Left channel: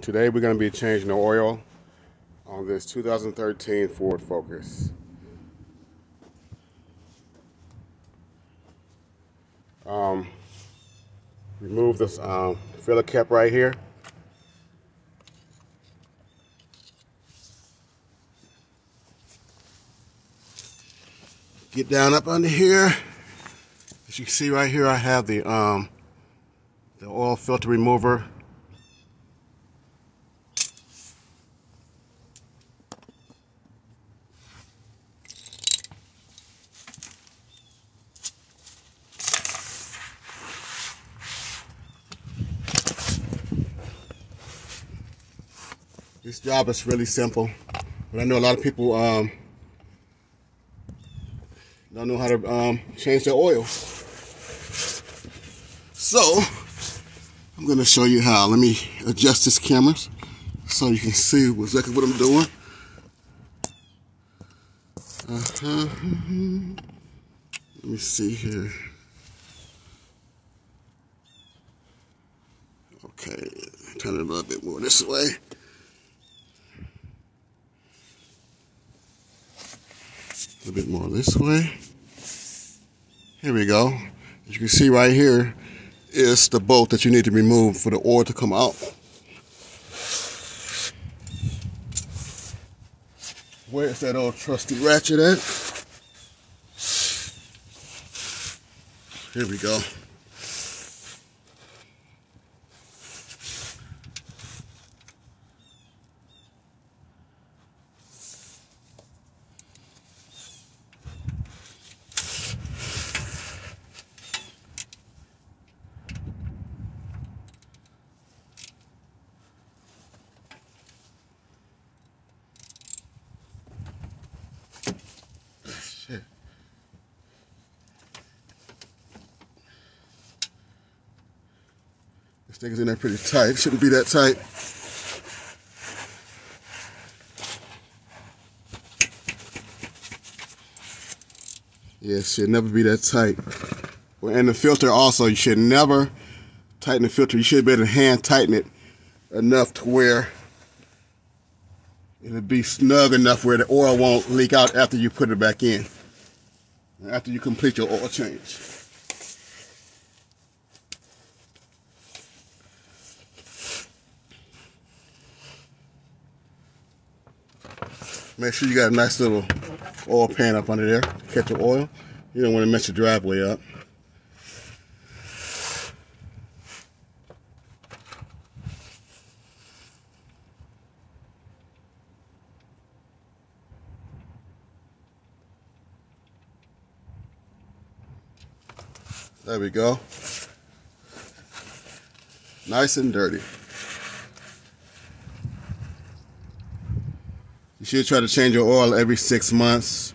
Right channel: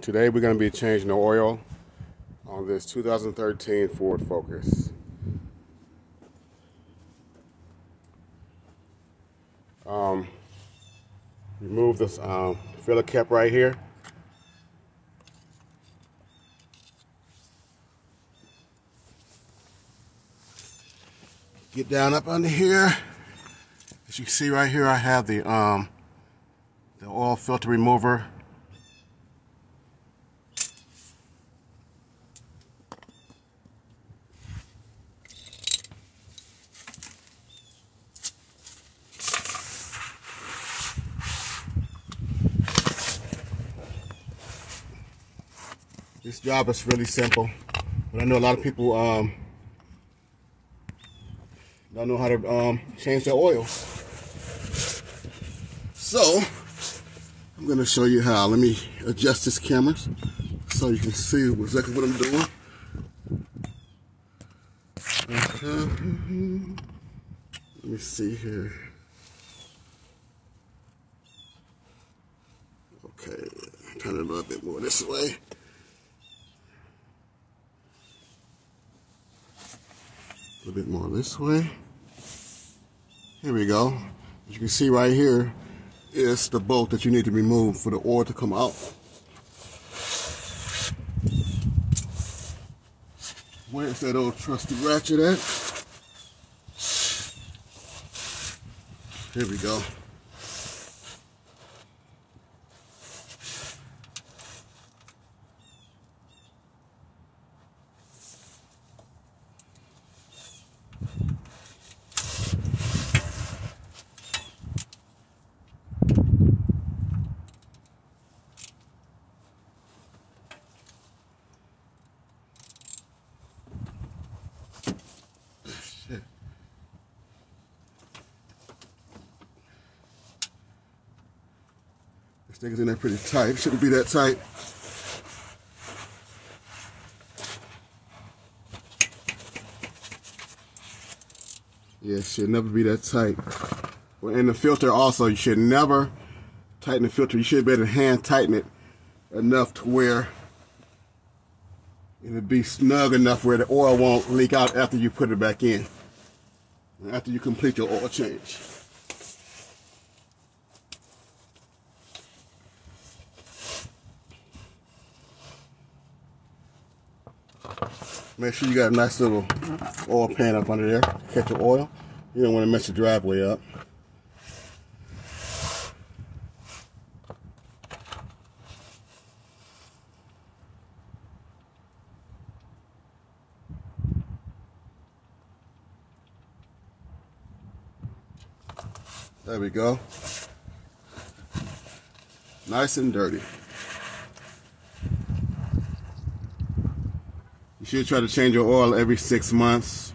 Today we're going to be changing the oil on this 2013 Ford Focus. Remove this filler cap right here. Get down up under here. As you can see right here, I have the oil filter remover. This job is really simple, but I know a lot of people don't know how to change their oil. So I'm going to show you how. Let me adjust this camera so you can see exactly what I'm doing. Let me see here. Okay, turn it a little bit more this way. A little bit more this way. Here we go. As you can see right here is the bolt that you need to remove for the oil to come out. Where's that old trusty ratchet at? Here we go. This thing is in there pretty tight. It shouldn't be that tight. Yeah, it should never be that tight. Well, and the filter also, you should never tighten the filter. You should be able to hand tighten it enough to where it'll be snug enough where the oil won't leak out after you put it back in. After you complete your oil change. Make sure you got a nice little oil pan up under there to catch the oil. You don't want to mess your driveway up. There we go. Nice and dirty. You should try to change your oil every 6 months,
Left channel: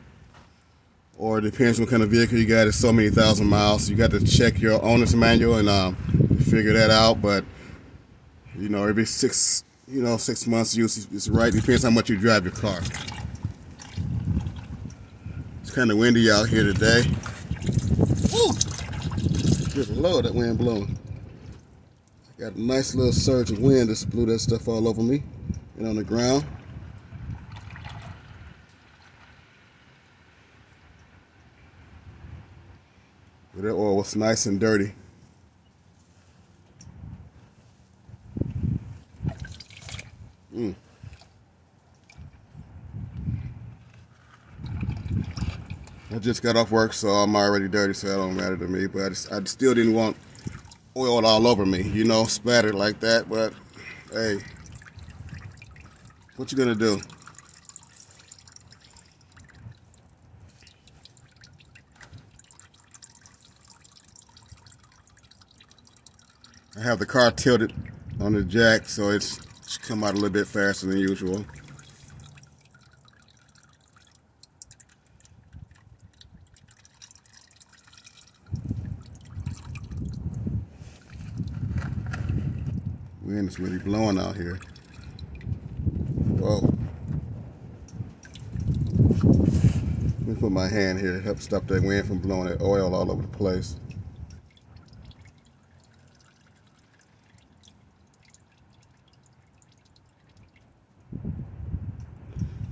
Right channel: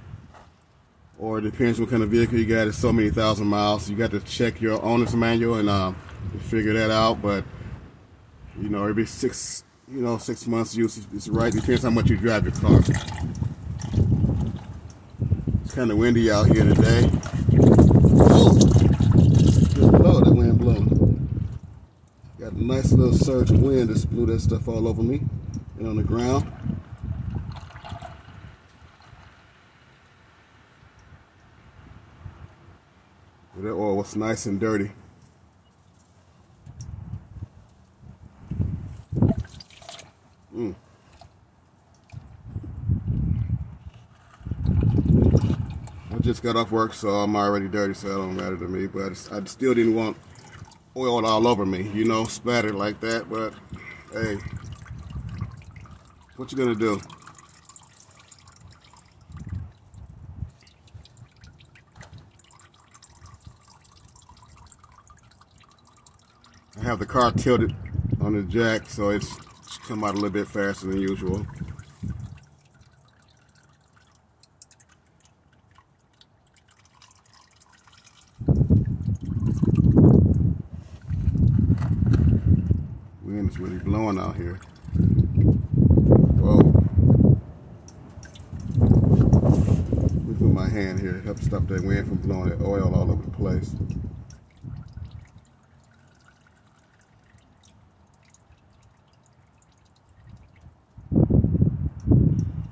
or it depends what kind of vehicle you got. It's so many thousand miles. You got to check your owner's manual and figure that out. But you know, every 6 months use is right. Depends how much you drive your car. It's kind of windy out here today. Good Lord, that wind blowing. Got a nice little surge of wind. Just blew that stuff all over me and on the ground. That oil was nice and dirty. I just got off work, so I'm already dirty, so that don't matter to me. But I still didn't want oil all over me, you know, splattered like that. But hey, what you gonna do? I have the car tilted on the jack, so it's come out a little bit faster than usual. Wind is really blowing out here. Whoa. Let me put my hand here to help stop that wind from blowing that oil all over the place.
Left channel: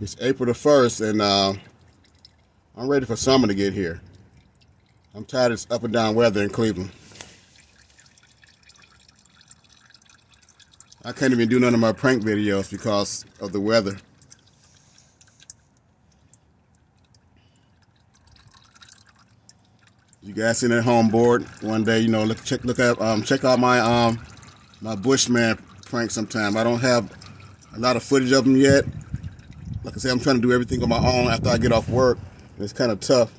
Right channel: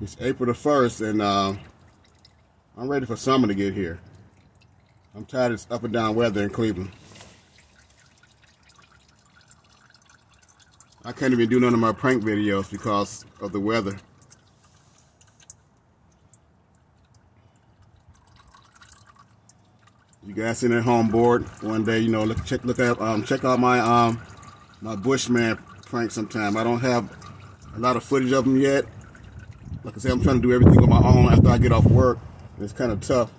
It's April the 1st, and I'm ready for summer to get here. I'm tired of this up and down weather in Cleveland. I can't even do none of my prank videos because of the weather. You guys sitting at home bored one day, you know, check out my my Bushman prank sometime. I don't have a lot of footage of them yet. Like I said, I'm trying to do everything on my own after I get off work. It's kind of tough.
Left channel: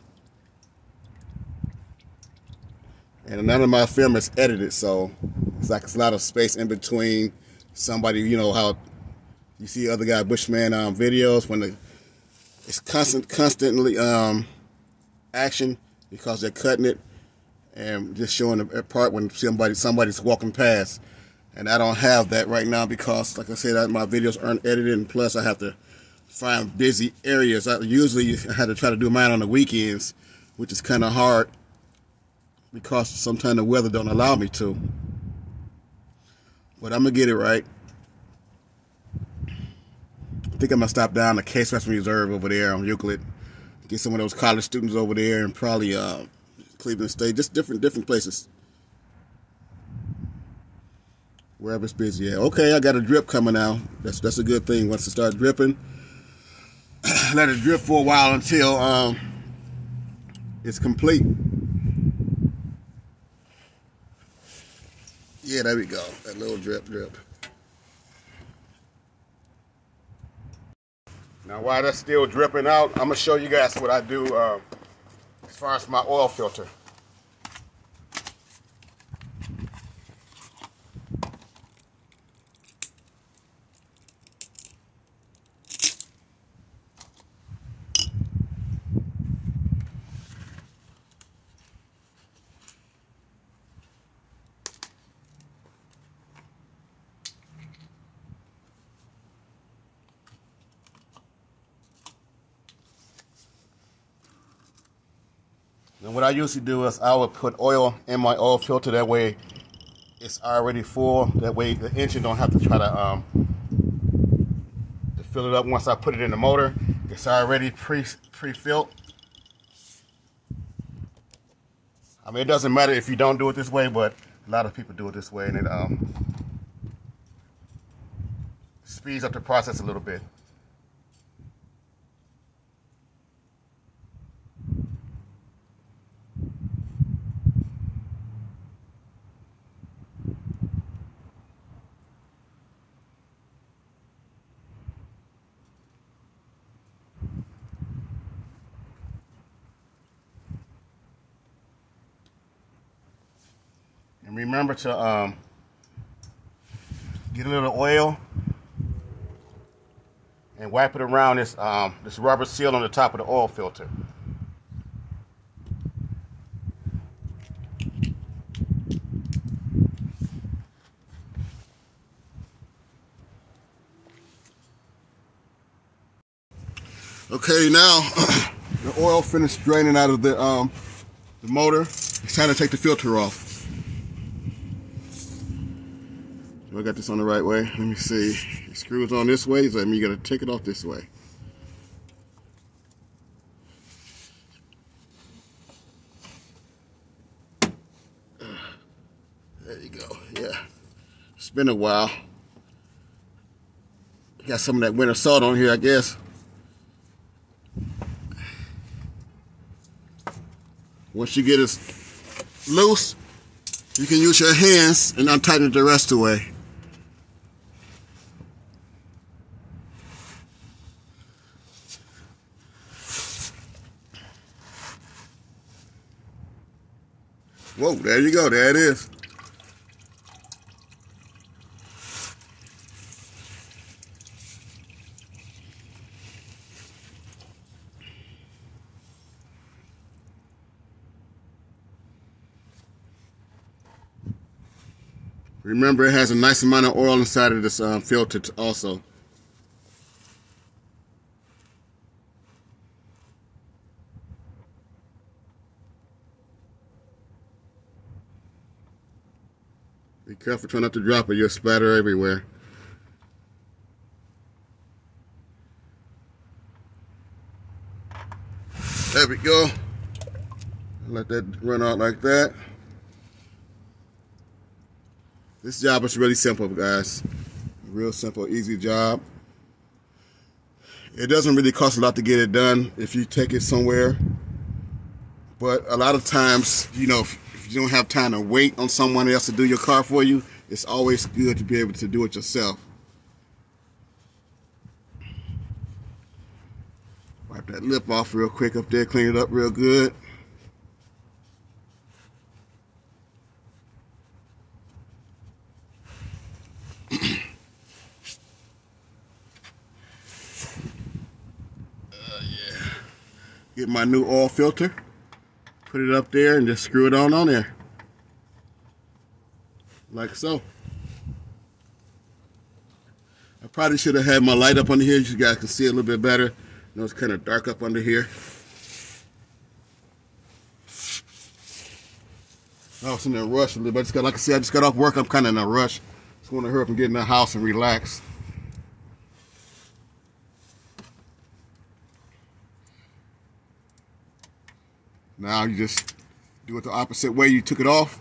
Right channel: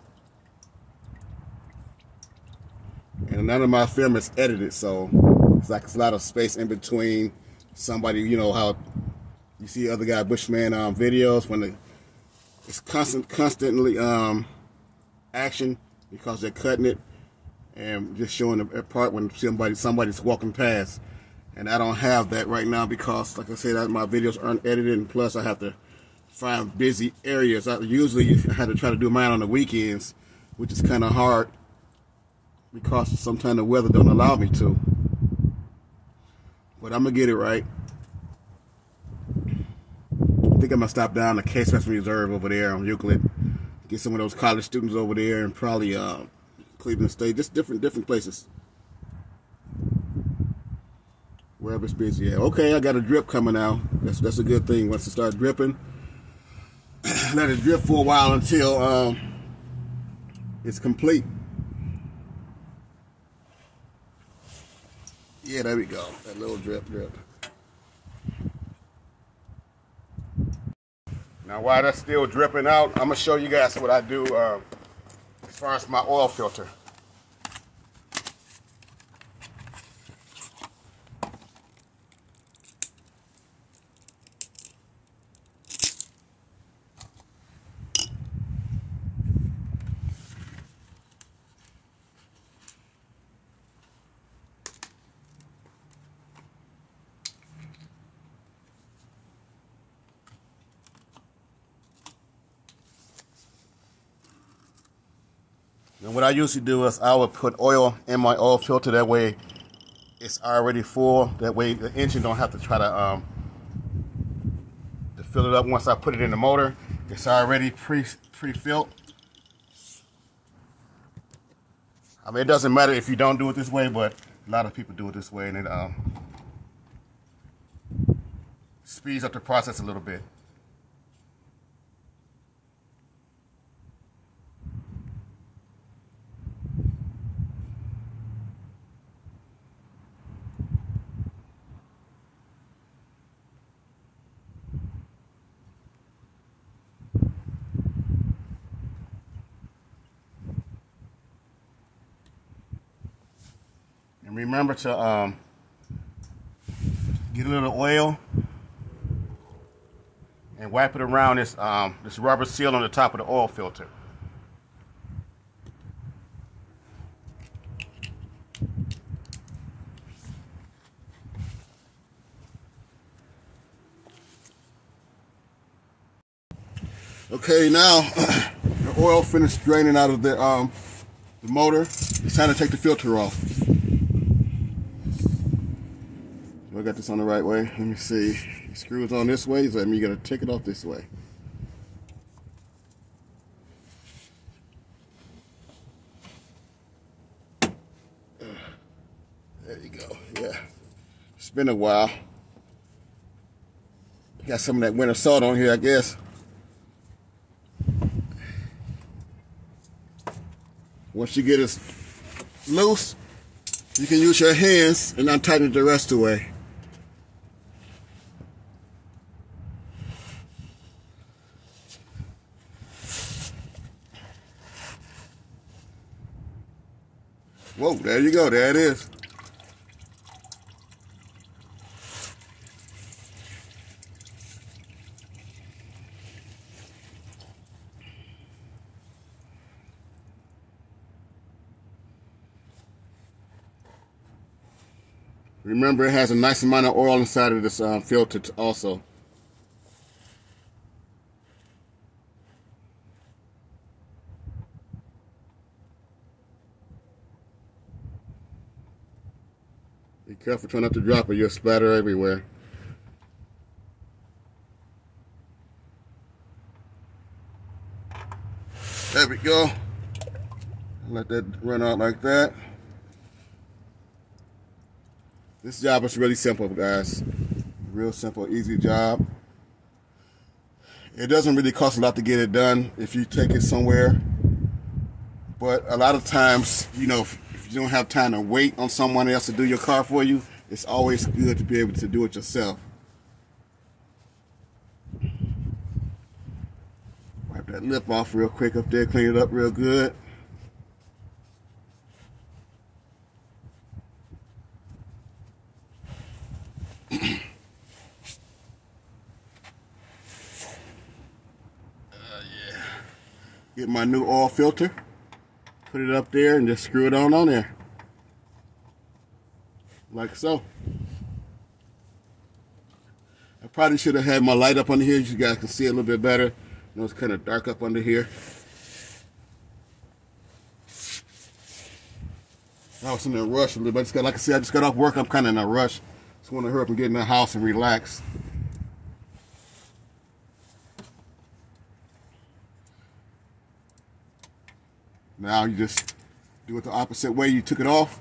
And none of my film is edited, so it's like it's a lot of space in between somebody, you know, how you see other guy Bushman videos when it's constantly action because they're cutting it and just showing the part when somebody's walking past. And I don't have that right now because, like I said, my videos aren't edited, and plus I have to find busy areas. Usually I had to try to do mine on the weekends, which is kind of hard because sometimes the weather don't allow me to. But I'm gonna get it right. I think I'm gonna stop down the Case Western Reserve over there on Euclid, get some of those college students over there, and probably Cleveland State, just different places, wherever it's busy at. Okay, I got a drip coming out. That's a good thing. Once it starts dripping, let it drip for a while until it's complete. Yeah, there we go. That little drip. Now, while that's still dripping out, I'm gonna show you guys what I do as far as my oil filter. And what I usually do is I would put oil in my oil filter. That way it's already full. That way the engine don't have to try to fill it up once I put it in the motor. It's already pre-filled. I mean, it doesn't matter if you don't do it this way, but a lot of people do it this way, and it speeds up the process a little bit. And remember to get a little oil and wipe it around this rubber seal on the top of the oil filter. Okay, now the oil finished draining out of the motor. It's time to take the filter off. I got this on the right way. Let me see. The screws on this way, so that means you gotta take it off this way. There you go. Yeah. It's been a while. Got some of that winter salt on here, I guess. Once you get it loose, you can use your hands and untighten it the rest of the way. Whoa, there you go. There it is. Remember, it has a nice amount of oil inside of this filter also. Be careful, try not to drop it. You'll splatter everywhere. There we go. Let that run out like that. This job is really simple, guys. Real simple, easy job. It doesn't really cost a lot to get it done if you take it somewhere. But a lot of times, you know, if you don't have time to wait on someone else to do your car for you, it's always good to be able to do it yourself. Wipe that lip off real quick up there, clean it up real good. Get my new oil filter, put it up there, and just screw it on there. Like so. I probably should have had my light up under here so you guys can see it a little bit better. You know, it's kind of dark up under here. I was in a rush a little bit. Like I said, I just got off work. I'm kind of in a rush. Just want to hurry up and get in the house and relax. Now you just do it the opposite way you took it off.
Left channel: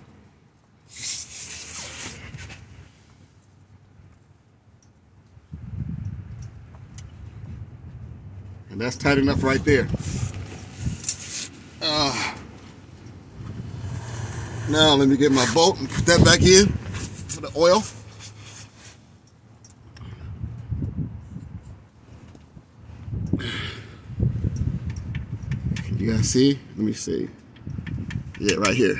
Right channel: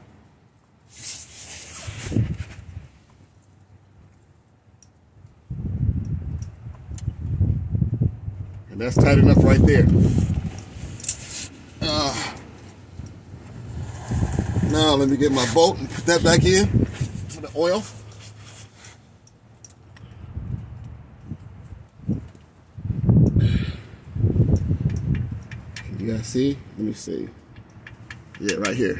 And that's tight enough right there. Now let me get my bolt and put that back in for the oil. You guys see? Let me see. Yeah, right here.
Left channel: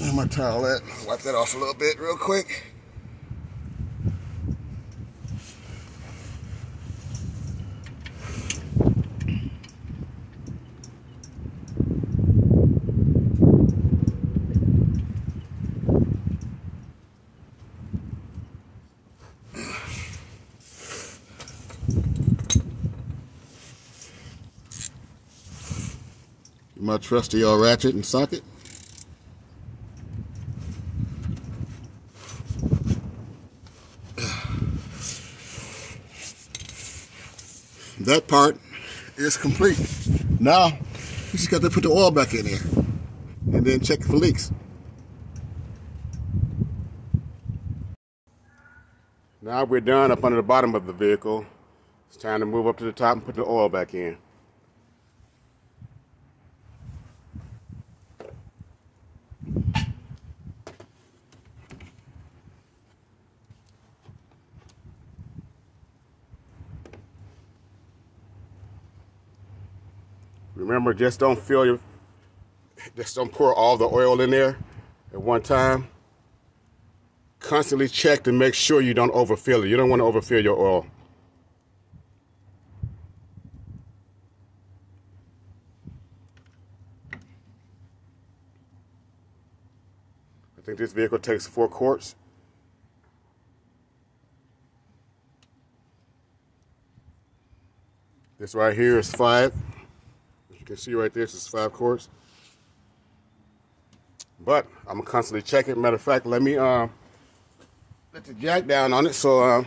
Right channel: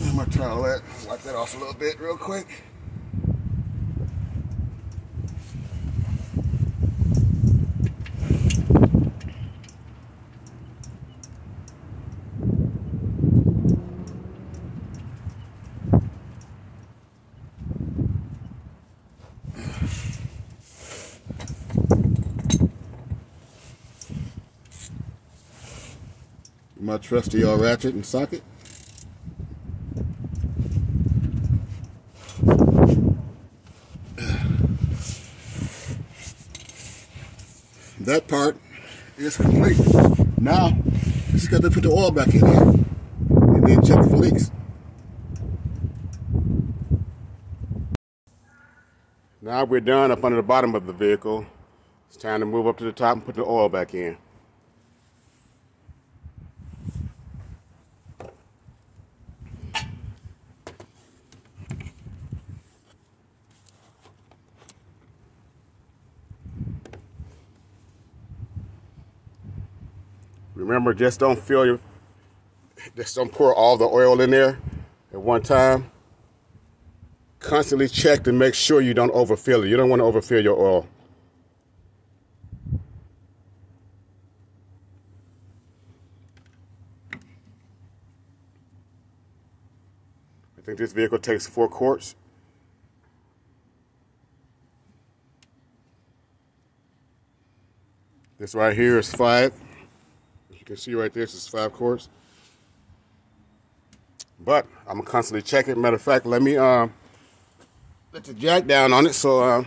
Now my towelette. Wipe that off a little bit real quick. My trusty old ratchet and socket. That part is complete. Now, you just got to put the oil back in here and then check it for leaks. Now we're done up under the bottom of the vehicle. It's time to move up to the top and put the oil back in. Remember, just don't pour all the oil in there at one time. Constantly check to make sure you don't overfill it. You don't want to overfill your oil. I think this vehicle takes 4 quarts. This right here is 5. You can see right there, this is 5 quarts. But I'm gonna constantly check it. Matter of fact, let me let the jack down on it so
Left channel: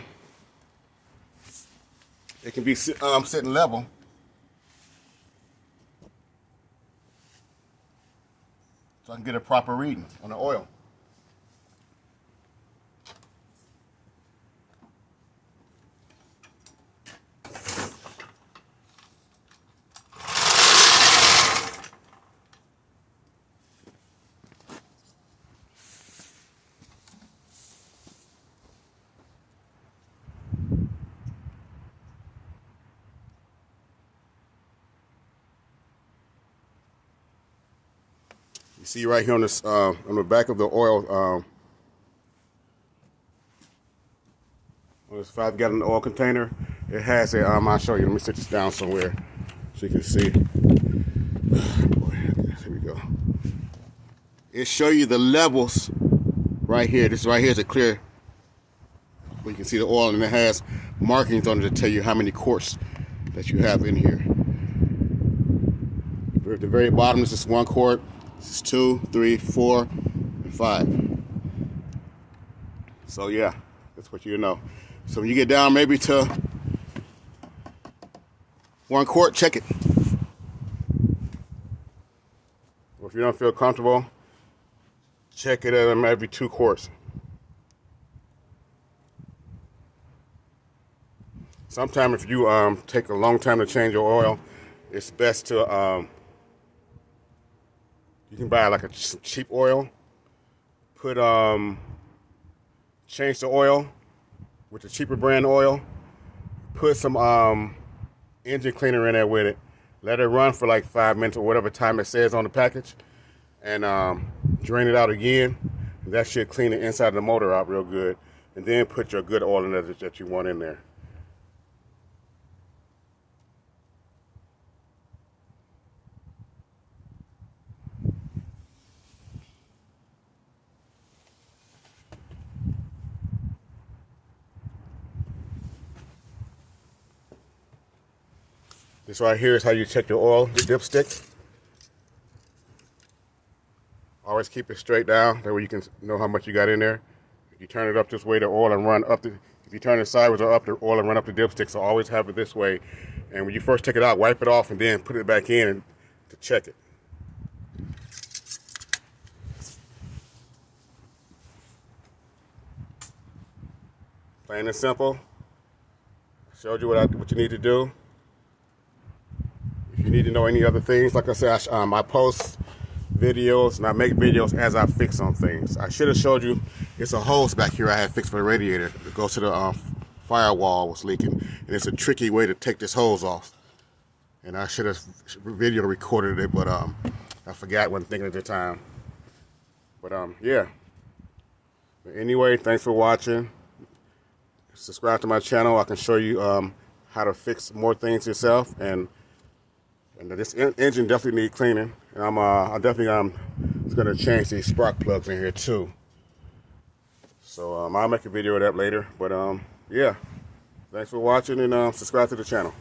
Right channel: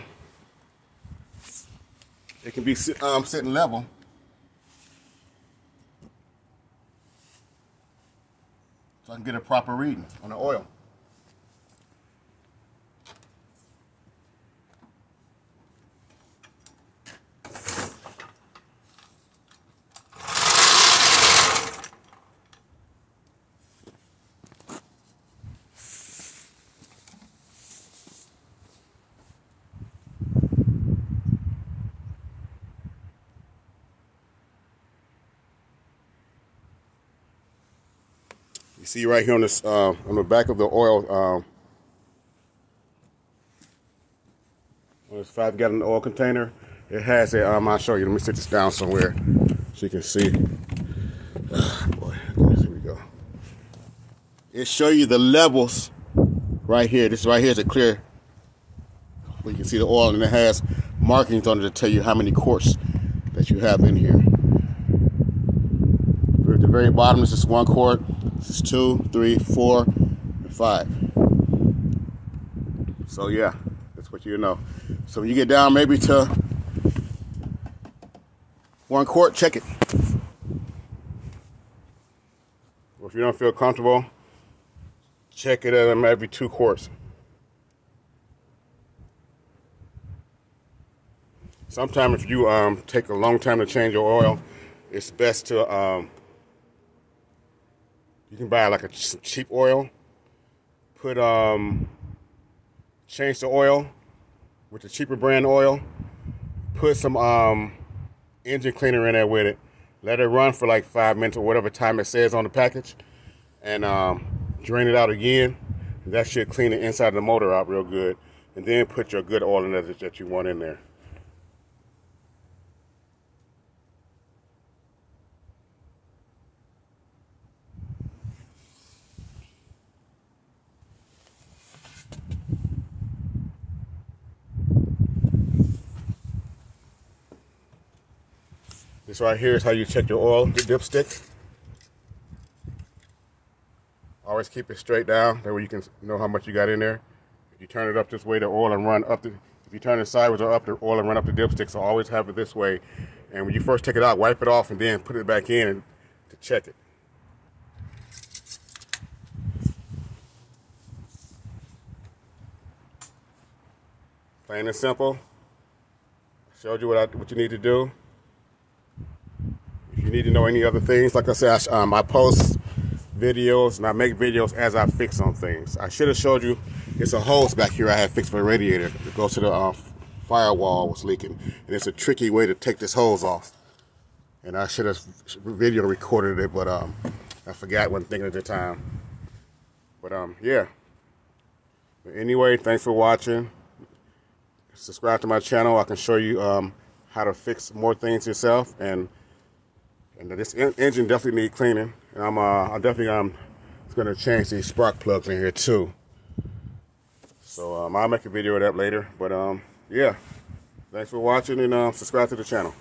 it can be sitting level. So I can get a proper reading on the oil. You see right here on this on the back of the oil on this 5-gallon oil container, it has a I'll show you. Let me sit this down somewhere so you can see. Boy, here we go. It show you the levels right here. This right here is a clear where you can see the oil, and it has markings on it to tell you how many quarts that you have in here. At the very bottom, this is 1 quart. This is 2, 3, 4, and 5. So yeah, that's what you know. So when you get down maybe to 1 quart, check it. Or if you don't feel comfortable, check it at every 2 quarts. Sometimes if you take a long time to change your oil, it's best to you can buy like some cheap oil. Put change the oil with the cheaper brand oil. Put some engine cleaner in there with it. Let it run for like 5 minutes or whatever time it says on the package, and drain it out again. That should clean the inside of the motor out real good. And then put your good oil in there that you want in there. This right here is how you check your oil, your dipstick. Always keep it straight down, that way you can know how much you got in there. If you turn it up this way, the oil and run up the, if you turn it sideways or up, the oil and run up the dipstick, so always have it this way. And when you first take it out, wipe it off and then put it back in to check it. Plain and simple. I showed you what you need to do. If you need to know any other things, like I said, I post videos and I make videos as I fix on things. I should have showed you, it's a hose back here I had fixed for the radiator. It goes to the firewall was leaking, and it's a tricky way to take this hose off. And I should have video recorded it, but I forgot, wasn't thinking at the time. But yeah. But anyway, thanks for watching. Subscribe to my channel. I can show you how to fix more things yourself, and this engine definitely needs cleaning. And I'm gonna change these spark plugs in here too. So I'll make a video of that later. But yeah, thanks for watching, and subscribe to the channel.